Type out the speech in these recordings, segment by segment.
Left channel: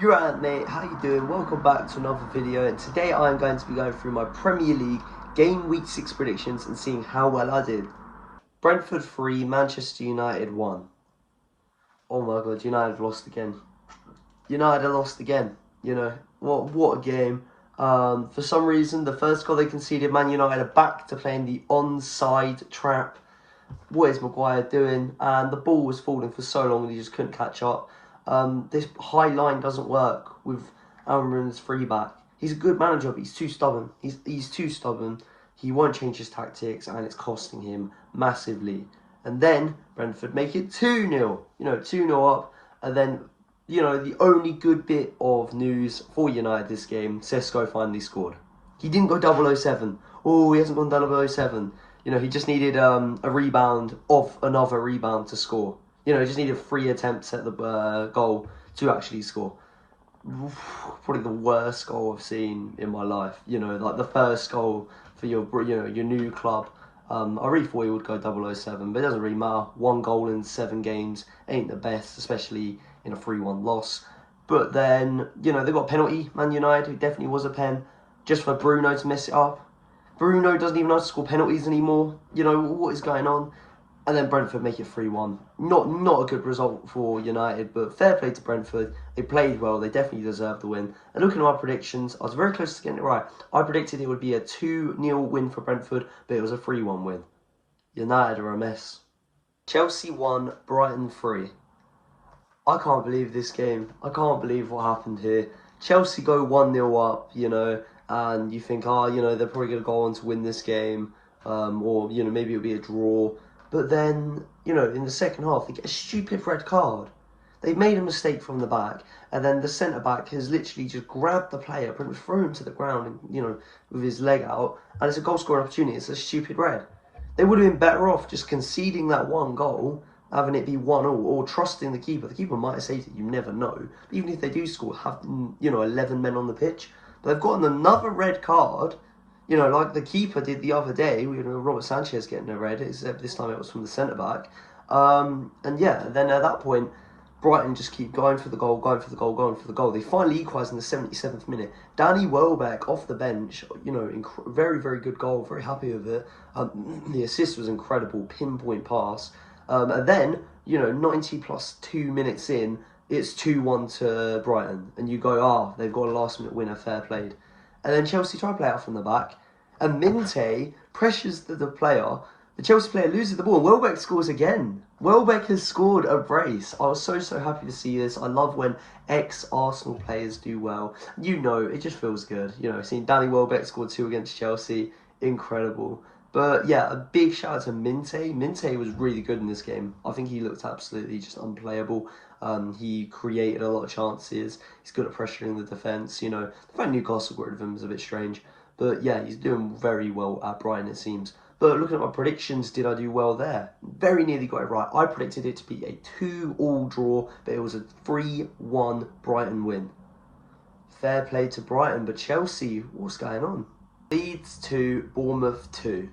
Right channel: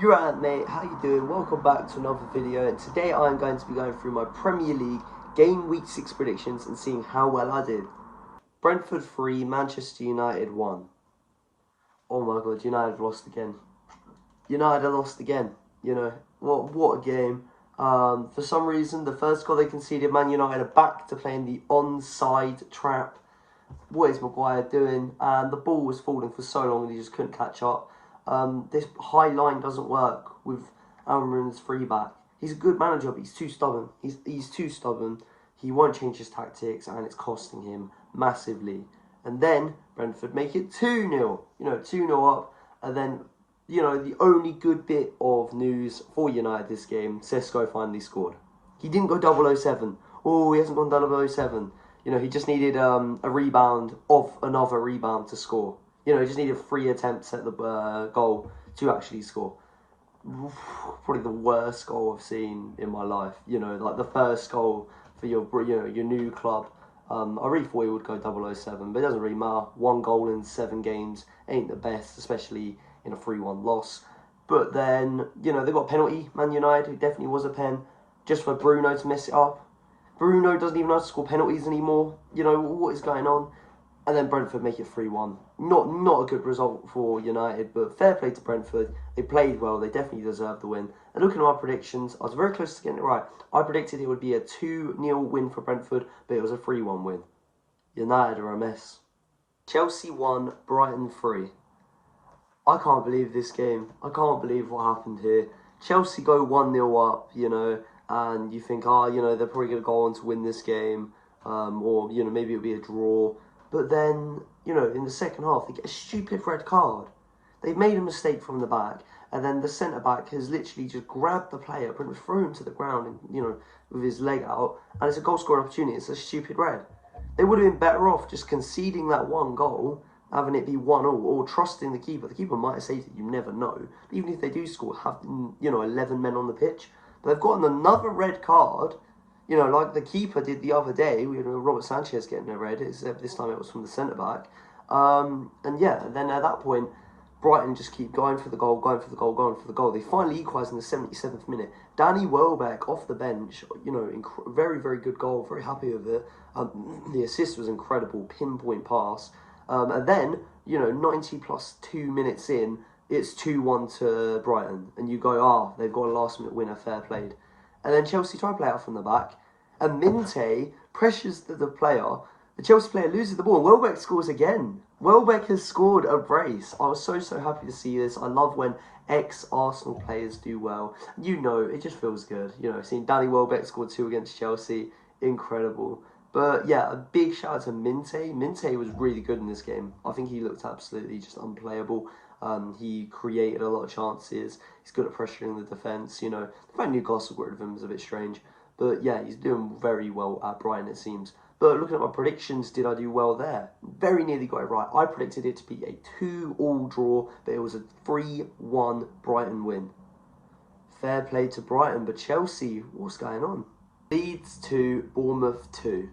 You're right, mate. How you doing? Welcome back to another video. And today I'm going to be going through my Premier League game week 6 predictions and seeing how well I did. Brentford 3, Manchester United 1. Oh my god, United have lost again. United have lost again. You know, what a game. For some reason, the first goal they conceded, Man United are back to playing the onside trap. What is Maguire doing? And the ball was falling for so long and he just couldn't catch up. This high line doesn't work with Almiron's free back. He's a good manager, but he's too stubborn. He's too stubborn. He won't change his tactics, and it's costing him massively. And then Brentford make it 2-0. 2-0 up. And then, the only good bit of news for United this game, Sesko finally scored. He didn't go 007. Oh, he hasn't gone 007. He just needed a rebound off another rebound to score. He just needed 3 attempts at the goal to actually score. Probably the worst goal I've seen in my life. Like the first goal for your new club. I really thought he would go 007, but it doesn't really matter. 1 goal in 7 games ain't the best, especially in a 3-1 loss. But then, they got a penalty, Man United. It definitely was a pen, just for Bruno to mess it up. Bruno doesn't even know how to score penalties anymore. What is going on? And then Brentford make it 3-1. Not a good result for United, but fair play to Brentford. They played well. They definitely deserved the win. And looking at my predictions, I was very close to getting it right. I predicted it would be a 2-0 win for Brentford, but it was a 3-1 win. United are a mess. Chelsea 1, Brighton 3. I can't believe this game. I can't believe what happened here. Chelsea go 1-0 up, and you think, they're probably going to go on to win this game, or, maybe it'll be a draw. But then, in the second half, they get a stupid red card. They've made a mistake from the back, and then the centre-back has literally just grabbed the player, pretty much thrown him to the ground, with his leg out, and it's a goal-scoring opportunity. It's a stupid red. They would have been better off just conceding that 1 goal, having it be 1-1, or trusting the keeper. The keeper might have saved it, you never know. But even if they do score, have 11 men on the pitch. But they've gotten another red card, like the keeper did the other day. We had Robert Sanchez getting a red, except this time it was from the centre-back. And then at that point, Brighton just keep going for the goal, going for the goal, going for the goal. They finally equalise in the 77th minute. Danny Welbeck off the bench, very, very good goal, very happy with it. The assist was incredible, pinpoint pass. And then, 90 plus 2 minutes in, it's 2-1 to Brighton. And you go, they've got a last-minute winner, fair played. And then Chelsea try to play out from the back. And Minte pressures the player. The Chelsea player loses the ball. And Welbeck scores again. Welbeck has scored a brace. I was so happy to see this. I love when ex-Arsenal players do well. It just feels good. Seeing Danny Welbeck score 2 against Chelsea, incredible. But yeah, a big shout out to Minte. Minte was really good in this game. I think he looked absolutely just unplayable. He created a lot of chances. He's good at pressuring the defence. The fact Newcastle got rid of him is a bit strange. But yeah, he's doing very well at Brighton, it seems. But looking at my predictions, did I do well there? Very nearly got it right. I predicted it to be a 2-2 draw, but it was a 3-1 Brighton win. Fair play to Brighton, but Chelsea, what's going on? Leeds 2, Bournemouth 2.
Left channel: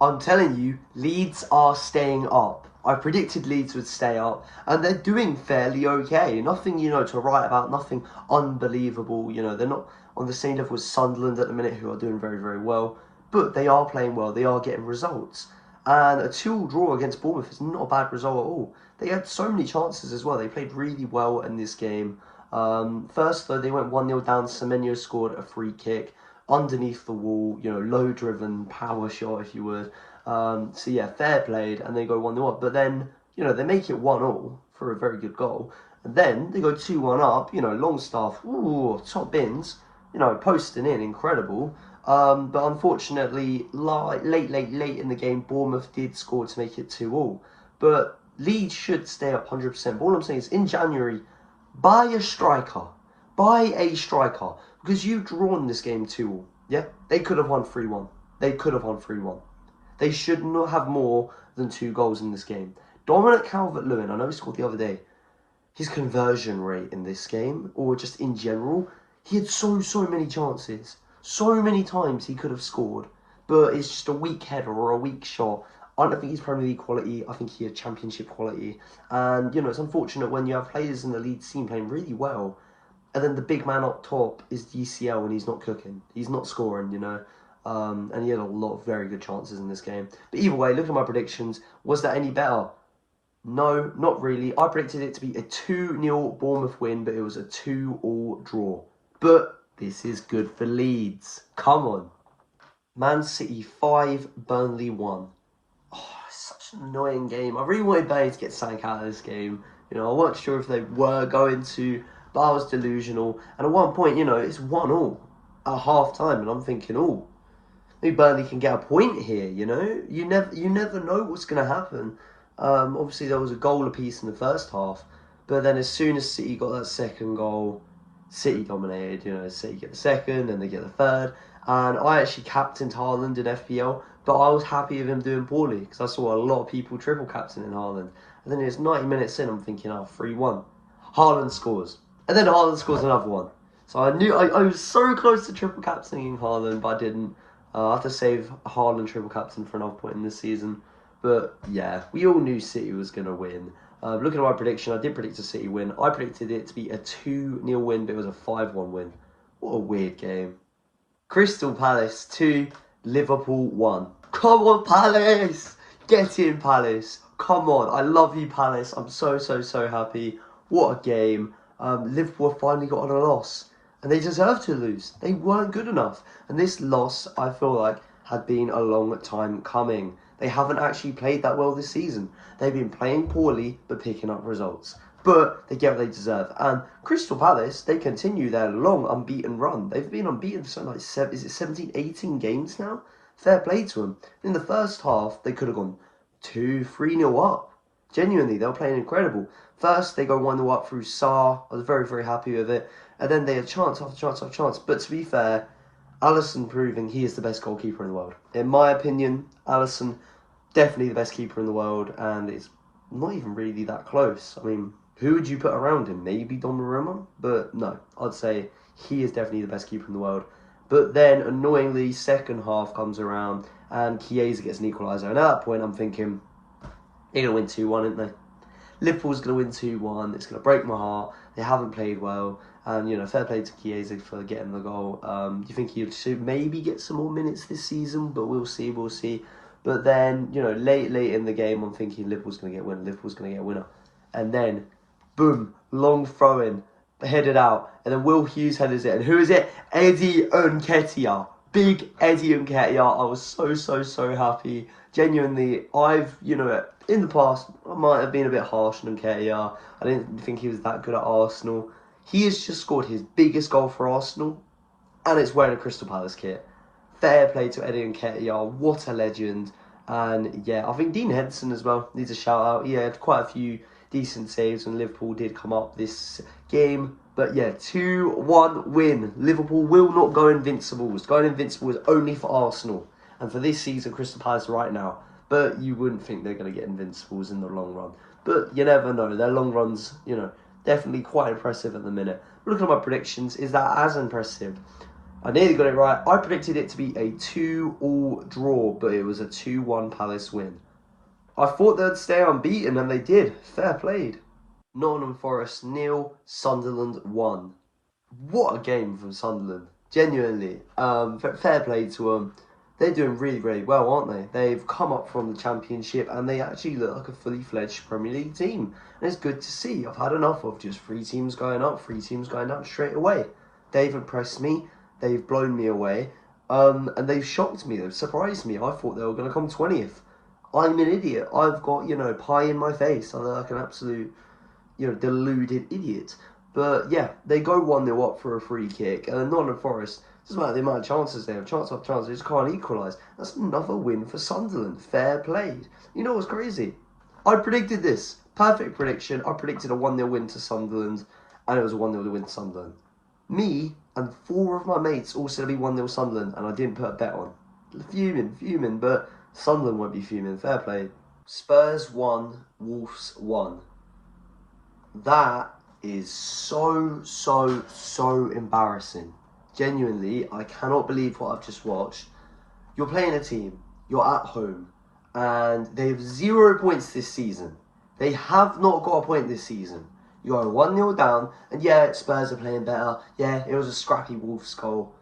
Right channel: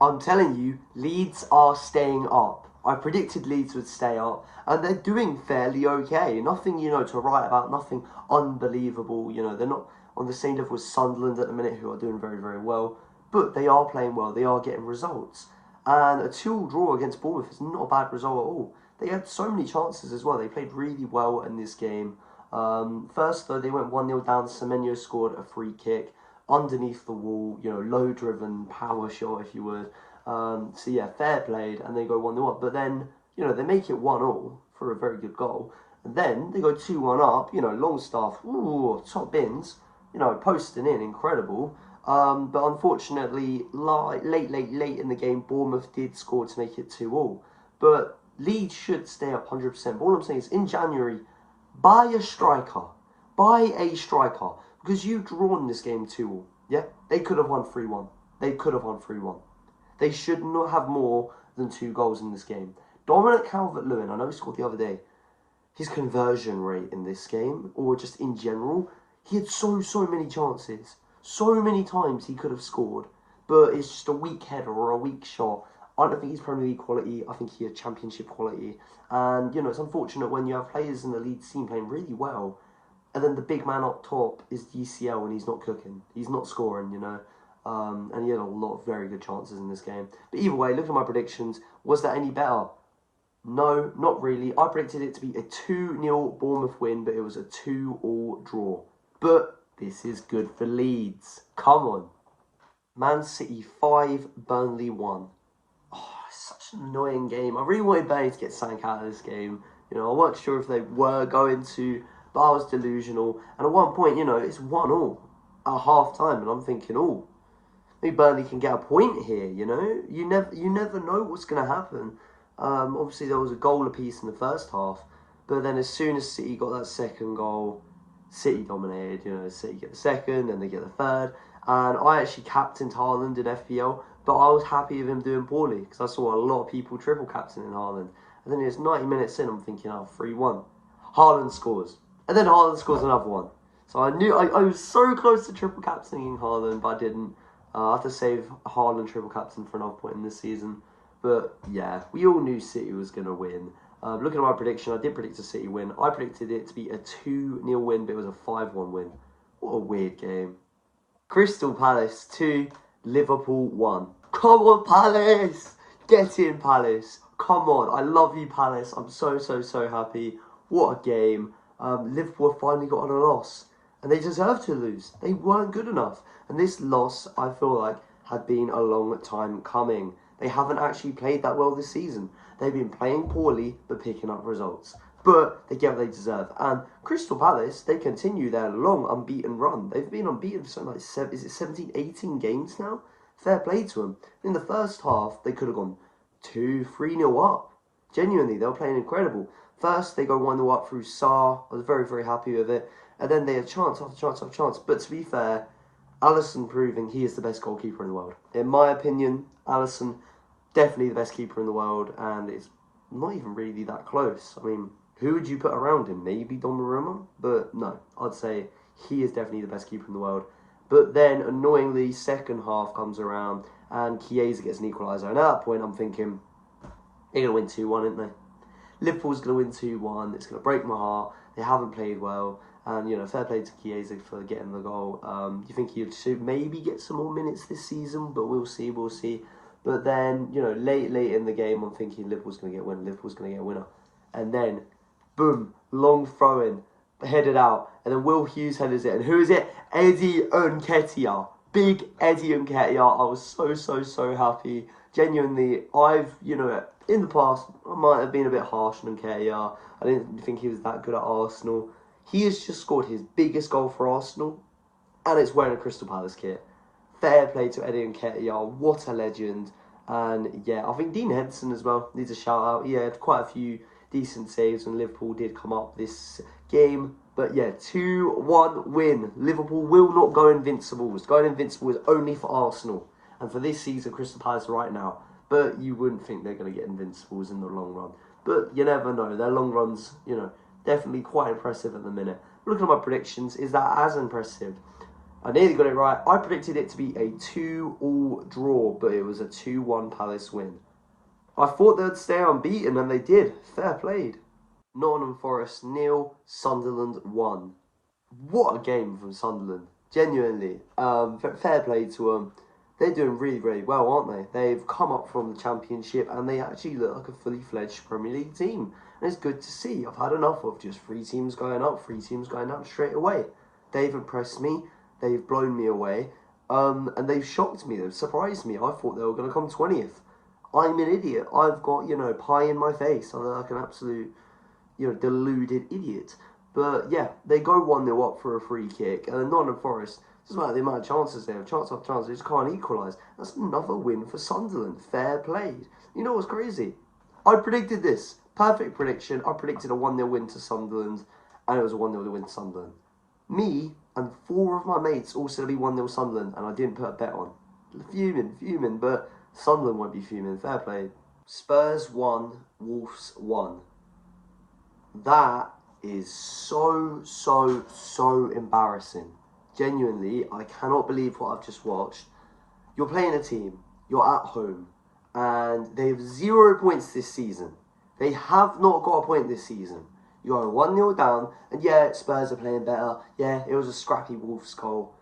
I'm telling you, Leeds are staying up. I predicted Leeds would stay up, and they're doing fairly okay. Nothing, to write about, nothing unbelievable. They're not on the same level as Sunderland at the minute, who are doing very, very well. But they are playing well. They are getting results. And a 2-2 draw against Bournemouth is not a bad result at all. They had so many chances as well. They played really well in this game. First, though, they went 1-0 down. Semenyo scored a free kick underneath the wall, low-driven power shot, if you would. So yeah, fair played, and they go 1-0 up. But then, they make it 1-1 for a very good goal. And then they go 2-1 up, Longstaff, top bins, posting in, incredible. But unfortunately, late in the game, Bournemouth did score to make it 2-2. But Leeds should stay up 100%. But all I'm saying is, in January, buy a striker. Buy a striker. Because you've drawn this game 2-2. Yeah? They could have won 3-1. They could have won 3-1. They should not have more than 2 goals in this game. Dominic Calvert-Lewin, I know he scored the other day. His conversion rate in this game, or just in general, he had so many chances. So many times he could have scored. But it's just a weak header or a weak shot. I don't think he's Premier League quality. I think he has Championship quality. And, it's unfortunate when you have players in the Leeds team playing really well. And then the big man up top is UCL, and he's not cooking. He's not scoring, you know. And he had a lot of very good chances in this game. But either way, look at my predictions. Was that any better? No, not really. I predicted it to be a 2-0 Bournemouth win, but it was a 2-2 draw. But this is good for Leeds. Come on. Man City 5, Burnley 1. Oh, it's such an annoying game. I really wanted Burnley to get something out of this game. You know, I wasn't sure if they were going to, but I was delusional. And at one point, you know, it's 1-1 at half time, and I'm thinking, oh, maybe Burnley can get a point here. You know, you never know what's going to happen. Obviously, there was a goal apiece in the first half, but then as soon as City got that second goal, City dominated. You know, City get the second, and they get the third. And I actually captained Haaland in FPL, but I was happy with him doing poorly because I saw a lot of people triple captaining Haaland. And then it's 90 minutes in, I'm thinking, oh, 3-1. Haaland scores. And then Haaland scores another one. So I knew I was so close to triple captaining Haaland, but I didn't. I have to save Haaland triple captain for another point in this season. But yeah, we all knew City was going to win. Looking at my prediction, I did predict a City win. I predicted it to be a 2-0 win, but it was a 5-1 win. What a weird game. Crystal Palace 2, Liverpool 1. Come on, Palace! Get in, Palace. Come on. I love you, Palace. I'm so happy. What a game. Liverpool finally got on a loss. And they deserved to lose. They weren't good enough. And this loss, I feel like, had been a long time coming. They haven't actually played that well this season. They've been playing poorly, but picking up results. But they get what they deserve. And Crystal Palace, they continue their long unbeaten run. They've been unbeaten for something like 17, 18 games now? Fair play to them. In the first half, they could have gone 2-3-0 up. Genuinely, they were playing incredible. First, they go 1-0 up through Sarr. I was very happy with it. And then they had chance after chance after chance. But to be fair, Alisson proving he is the best goalkeeper in the world. In my opinion, Alisson, definitely the best keeper in the world. And it's not even really that close. I mean, who would you put around him? Maybe Donnarumma? But no, I'd say he is definitely the best keeper in the world. But then, annoyingly, second half comes around and Chiesa gets an equaliser. And at that point, I'm thinking, they're going to win 2-1, aren't they? Liverpool's going to win 2-1. It's going to break my heart. They haven't played well. And, you know, fair play to Chiesa for getting the goal. Do you think he should maybe get some more minutes this season? But we'll see. But then, you know, late in the game, I'm thinking Liverpool's going to get a winner. Liverpool's going to get a winner. And then, boom, long throw-in, headed out. And then Will Hughes headers it. And who is it? Eddie Nketiah. Big Eddie Nketiah. I was so happy. Genuinely, you know, in the past, I might have been a bit harsh on Nketiah. I didn't think he was that good at Arsenal. He has just scored his biggest goal for Arsenal, and it's wearing a Crystal Palace kit. Fair play to Eddie Nketiah. What a legend. And yeah, I think Dean Henderson as well needs a shout out. He had quite a few decent saves when Liverpool did come up this game. But yeah, 2-1 win. Liverpool will not go invincibles. Going invincible is only for Arsenal. And for this season, Crystal Palace right now. But you wouldn't think they're going to get invincibles in the long run. But you never know. Their long runs, you know, definitely quite impressive at the minute. Looking at my predictions, is that as impressive? I nearly got it right. I predicted it to be a 2-2 draw, but it was a 2-1 Palace win. I thought they'd stay unbeaten, and they did. Fair played. Nottingham Forest 0, Sunderland 1. What a game from Sunderland. Genuinely. Fair play to them. They're doing really well, aren't they? They've come up from the Championship, and they actually look like a fully fledged Premier League team. And it's good to see. I've had enough of just 3 teams going up, 3 teams going down straight away. They've impressed me. They've blown me away. And they've shocked me. They've surprised me. I thought they were going to come 20th. I'm an idiot. I've got, you know, pie in my face. I look like an absolute, you know, deluded idiot. But yeah, they go 1-0 up for a free kick. And Nottingham Forest, doesn't matter the amount of chances they have, chance after chance, they just can't equalise. That's another win for Sunderland. Fair played. You know what's crazy? I predicted this. Perfect prediction. I predicted a 1-0 win to Sunderland, and it was a 1-0 win to Sunderland. Me and 4 of my mates all said it'd be 1-0 Sunderland, and I didn't put a bet on. Fuming, but Sunderland won't be fuming. Fair play. Spurs 1, Wolves 1. That is so embarrassing. Genuinely, I cannot believe what I've just watched. You're playing a team, you're at home, and they have 0 points this season. They have not got a point this season. You go 1-0 down, and yeah, Spurs are playing better. Yeah, it was a scrappy Wolves goal.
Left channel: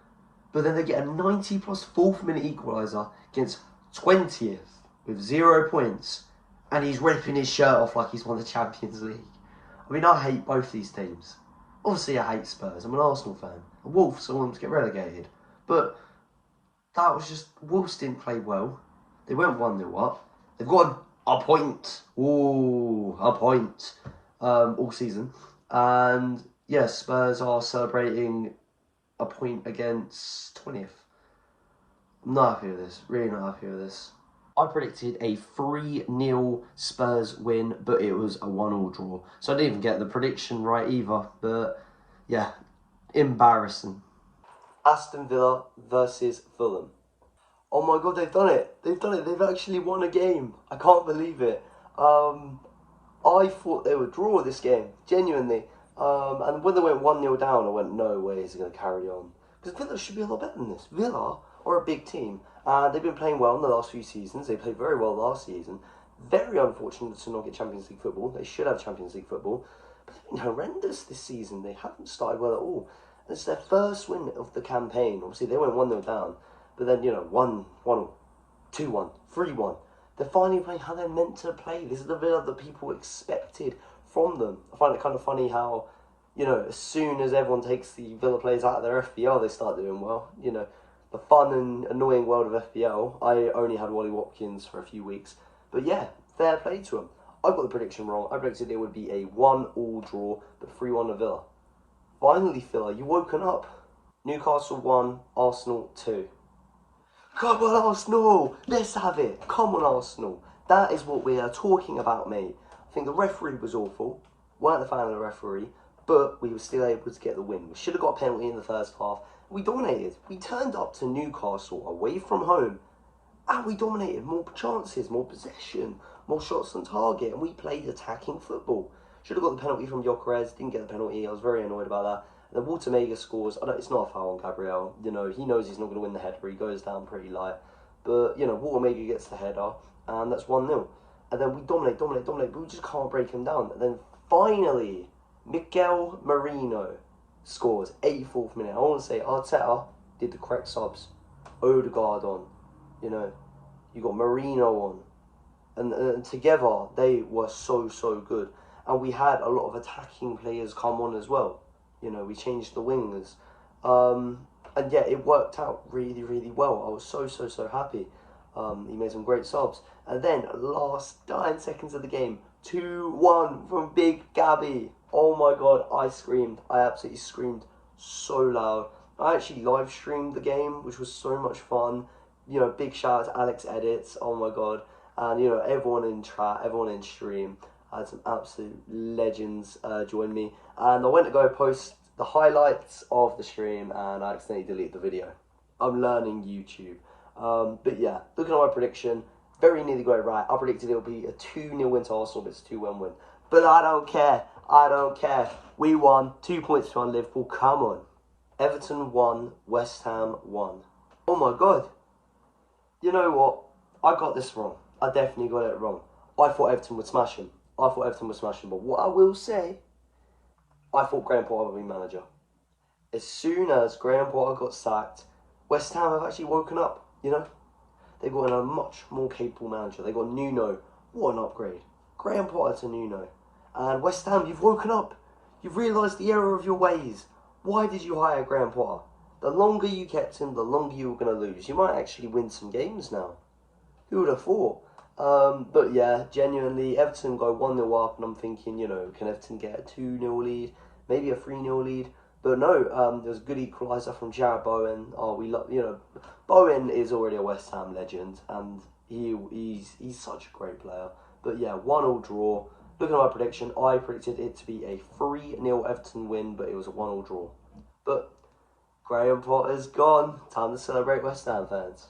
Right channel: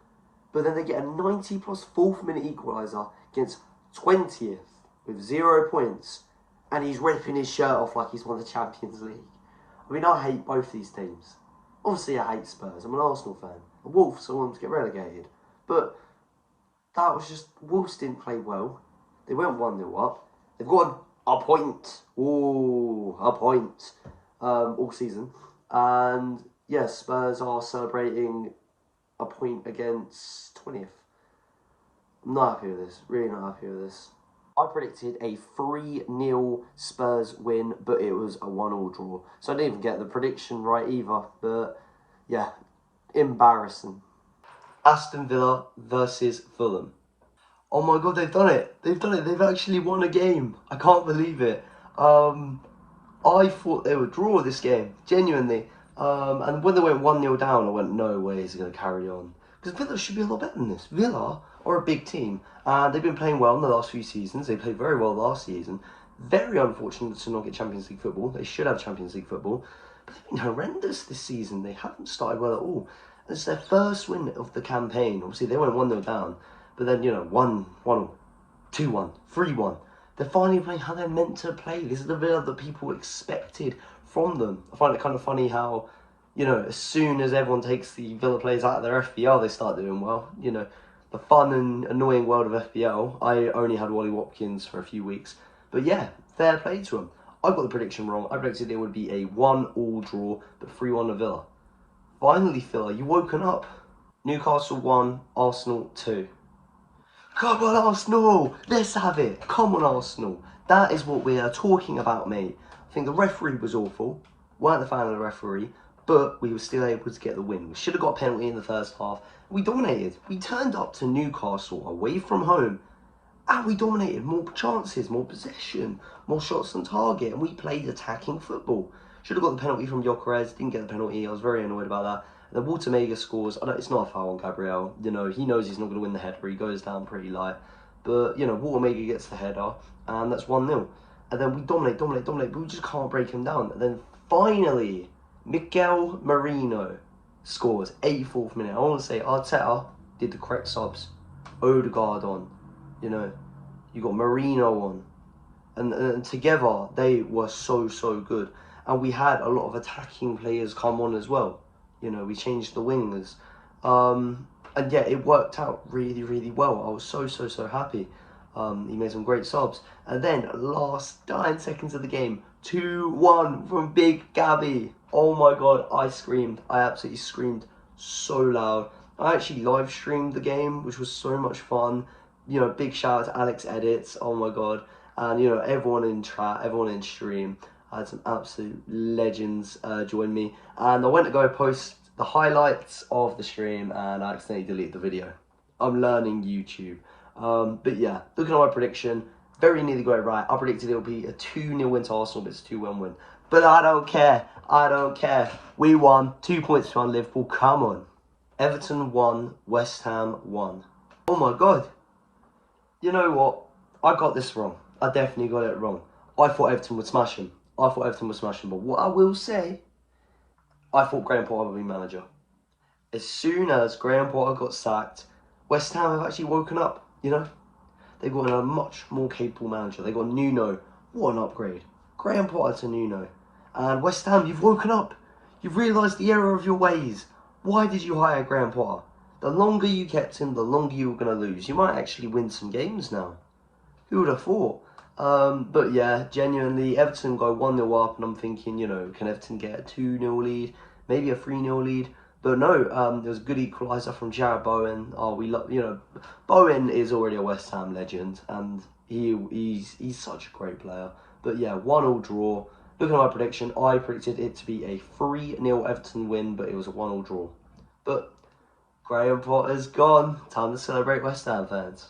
But then they get a 90 plus 4th minute equaliser against 20th with 0 points. And he's ripping his shirt off like he's won the Champions League. I mean, I hate both these teams. Obviously, I hate Spurs. I'm an Arsenal fan. And Wolves, I want them to get relegated. But that was just, Wolves didn't play well. They went 1-0 up. They've got a point. Ooh, a point. All season. And yes, Spurs are celebrating a point against 20th. I'm not happy with this. Really not happy with this. I predicted a 3-0 Spurs win, but it was a 1-1 draw. So I didn't even get the prediction right either. But yeah, embarrassing. Aston Villa versus Fulham. Oh my god, they've done it. They've done it. They've actually won a game. I can't believe it. I thought they would draw this game, genuinely. And when they went 1-0 down, I went, no way is it going to carry on. Because Villa should be a lot better than this. Villa are a big team. And they've been playing well in the last few seasons. They played very well last season. Very unfortunate to not get Champions League football. They should have Champions League football. But they've been horrendous this season. They haven't started well at all. It's their first win of the campaign. Obviously, they went 1-0 down. But then, 1-1, 2-1, 3-1. They're finally playing how they're meant to play. This is the Villa that people expected from them. I find it kind of funny how, as soon as everyone takes the Villa players out of their FPL, they start doing well. The fun and annoying world of FPL. I only had Wally Watkins for a few weeks. But yeah, fair play to them. I got the prediction wrong. I predicted it would be a 1-1 draw, but 3-1 to Villa. Finally, Villa, you woken up. Newcastle 1, Arsenal 2. Come on, Arsenal! Let's have it! Come on, Arsenal! That is what we are talking about, mate. I think the referee was awful. Weren't a fan of the referee, but we were still able to get the win. We should have got a penalty in the first half. We dominated. We turned up to Newcastle away from home, and we dominated. More chances, more possession, more shots on target, and we played attacking football. Should have got the penalty from Gyökeres. Didn't get the penalty. I was very annoyed about that. And then Walter Mega scores. It's not a foul on Gabriel. He knows he's not going to win the header. He goes down pretty light. But, Walter Mega gets the header. And that's 1-0. And then we dominate. But we just can't break him down. And then finally, Miguel Merino scores. 84th minute. I want to say Arteta did the correct subs. Odegaard on. You got Merino on. And together, they were so good. And we had a lot of attacking players come on as well. We changed the wingers. And yeah, it worked out really well. I was so happy. He made some great subs. And then, last 9 seconds of the game, 2-1 from Big Gabby. Oh my god, I screamed. I absolutely screamed so loud. I actually live streamed the game, which was so much fun. Big shout out to Alex Edits. Oh my god. And, everyone in chat, everyone in stream. I had some absolute legends join me. And I went to go post the highlights of the stream and I accidentally deleted the video. I'm learning YouTube. But yeah, looking at my prediction, very nearly got it right. I predicted it'll be a 2-0 win to Arsenal, but it's a 2-1 win. But I don't care. We won. 2 points to Liverpool. Come on. Everton 1, West Ham 1. Oh my god. You know what? I got this wrong. I definitely got it wrong. I thought Everton would smash him. But what I will say, I thought Graham Potter would be manager. As soon as Graham Potter got sacked, West Ham have actually woken up, They've got a much more capable manager. They got Nuno. What an upgrade. Graham Potter to Nuno. And West Ham, you've woken up. You've realised the error of your ways. Why did you hire Graham Potter? The longer you kept him, the longer you were going to lose. You might actually win some games now. Who would have thought? But yeah, genuinely, Everton go 1-0 up, and I'm thinking, can Everton get a 2-0 lead, maybe a 3-0 lead? But no, there was a good equaliser from Jarrod Bowen. Oh, we love, Bowen is already a West Ham legend, and he's such a great player. But yeah, 1-1 draw. Looking at my prediction, I predicted it to be a 3-0 Everton win, but it was a 1-1 draw. But Graham Potter's gone. Time to celebrate, West Ham fans.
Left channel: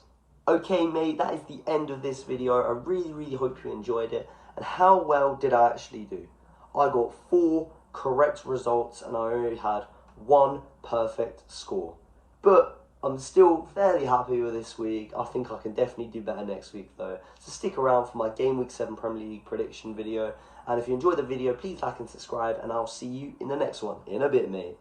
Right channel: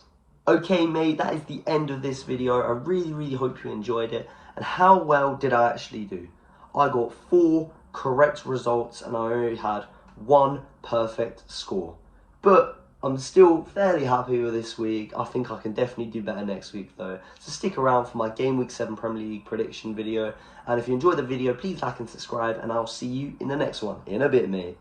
Okay, mate, that is the end of this video. I really hope you enjoyed it. And how well did I actually do? I got 4 correct results and I only had 1 perfect score. But I'm still fairly happy with this week. I think I can definitely do better next week though. So stick around for my Game Week 7 Premier League prediction video. And if you enjoyed the video, please like and subscribe, and I'll see you in the next one. In a bit, mate.